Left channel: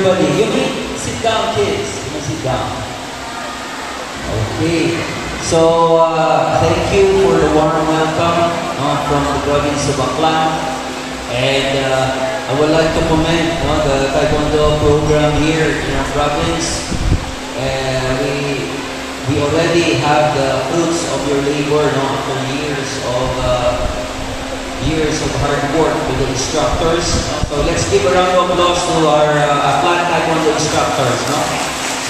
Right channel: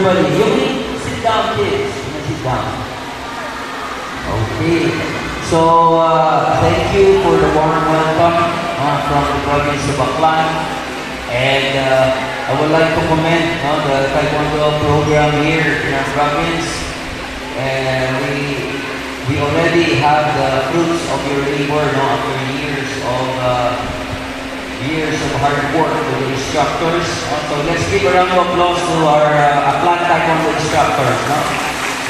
everybody. You may sit down, kids. You may sit down. Okay. So, thank you for the warm welcome from the province of Aklan. And I would like to commend the Taekwondo program here in our province. We already have the fruits of your labor after years of hard work with the instructors. So let's give a round of applause to our Aklan Taekwondo instructors.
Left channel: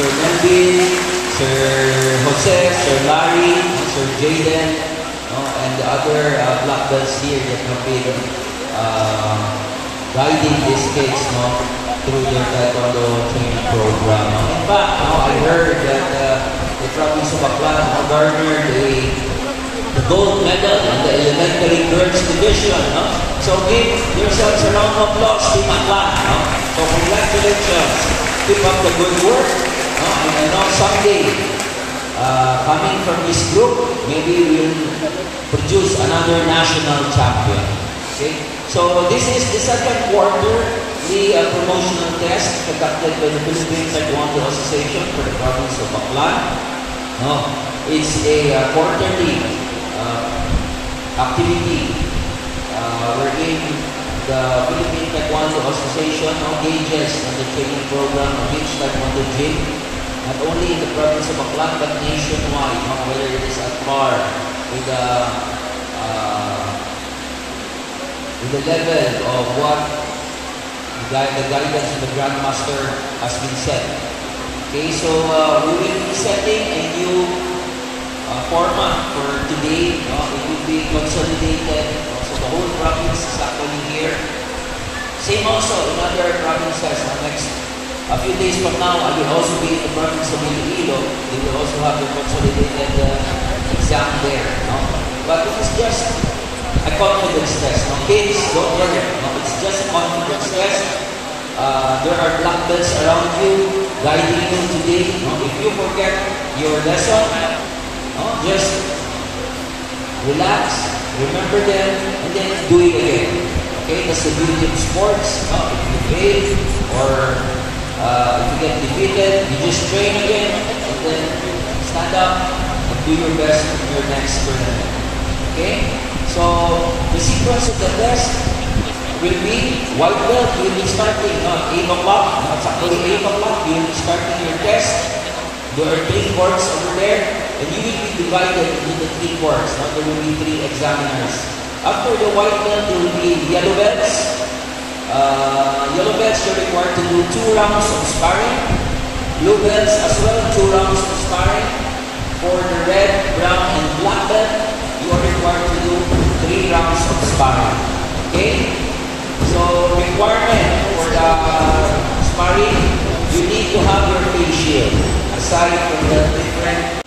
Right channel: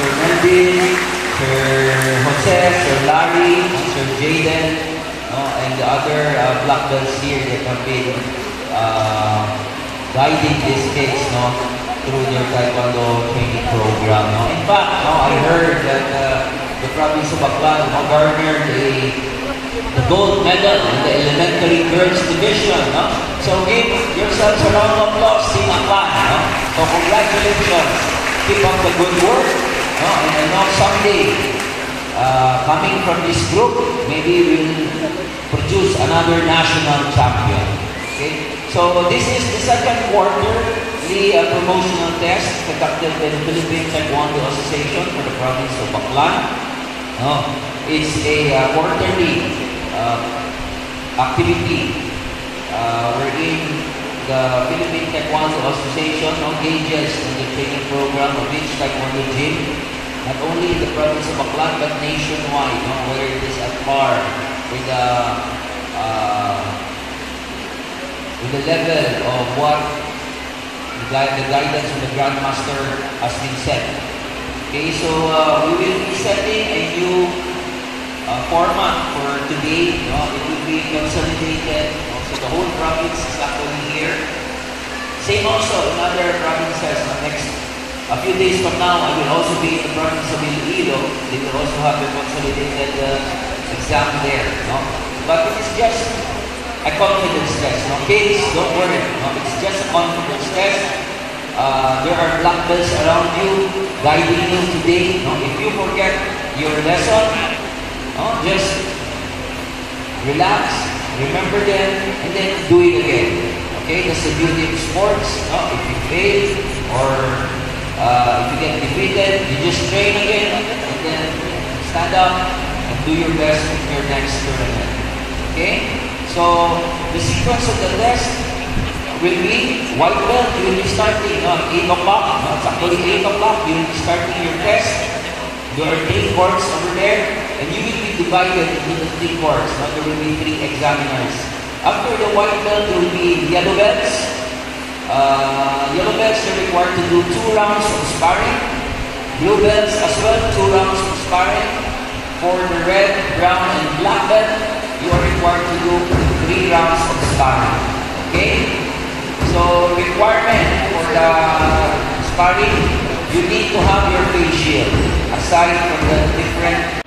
Sir Melvin, Sir Jose, Sir Larry, Sir Jaden, and the other black belts here that have been guiding these kids through their Taekwondo training program. In fact, I heard that the province of Aklan garnered the gold medal in the elementary girls division. So give yourselves a round of applause, Team Aklan. So congratulations. Keep up the good work. And I know someday, coming from this group, maybe we'll produce another national champion. Okay? So this is the second quarter, the promotional test conducted by the Philippine Taekwondo Association for the province of Aklan. It's a quarterly activity wherein the Philippine Taekwondo Association engages in the training program of each Taekwondo gym, not only in the province of Aklan but nationwide, whether it is at par with the level of what the guidance of the Grandmaster has been set. Okay, so we will be setting a new format for today. It will be consolidated. So the whole province is actually here. Same also in other provinces. A few days from now, I will also be in the province of Iloilo. They will also have their consolidated exam there. But it is just a confidence test. Kids, don't worry. It's just a confidence test. There are black belts around you, guiding you today. If you forget your lesson, just relax, remember them, and then do it again. Okay, that's the beauty of sports. If you fail or if you get defeated, you just train again, and then stand up and do your best in your next tournament. Okay, so the sequence of the test will be white belt. You will be starting at 8 o'clock. It's actually 8 o'clock. You will be starting your test. There are 3 courts over there, and you will be divided into the 3 courts. There will be 3 examiners. After the white belt, there will be yellow belts. Yellow belts are required to do 2 rounds of sparring. Blue belts as well, 2 rounds of sparring. For the red, brown, and black belt, you are required to do 3 rounds of sparring. Okay? So, requirement for the sparring, you need to have your face shield. Aside from the different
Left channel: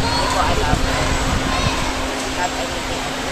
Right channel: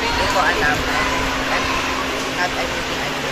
Hindi ko alam. Not anything I do.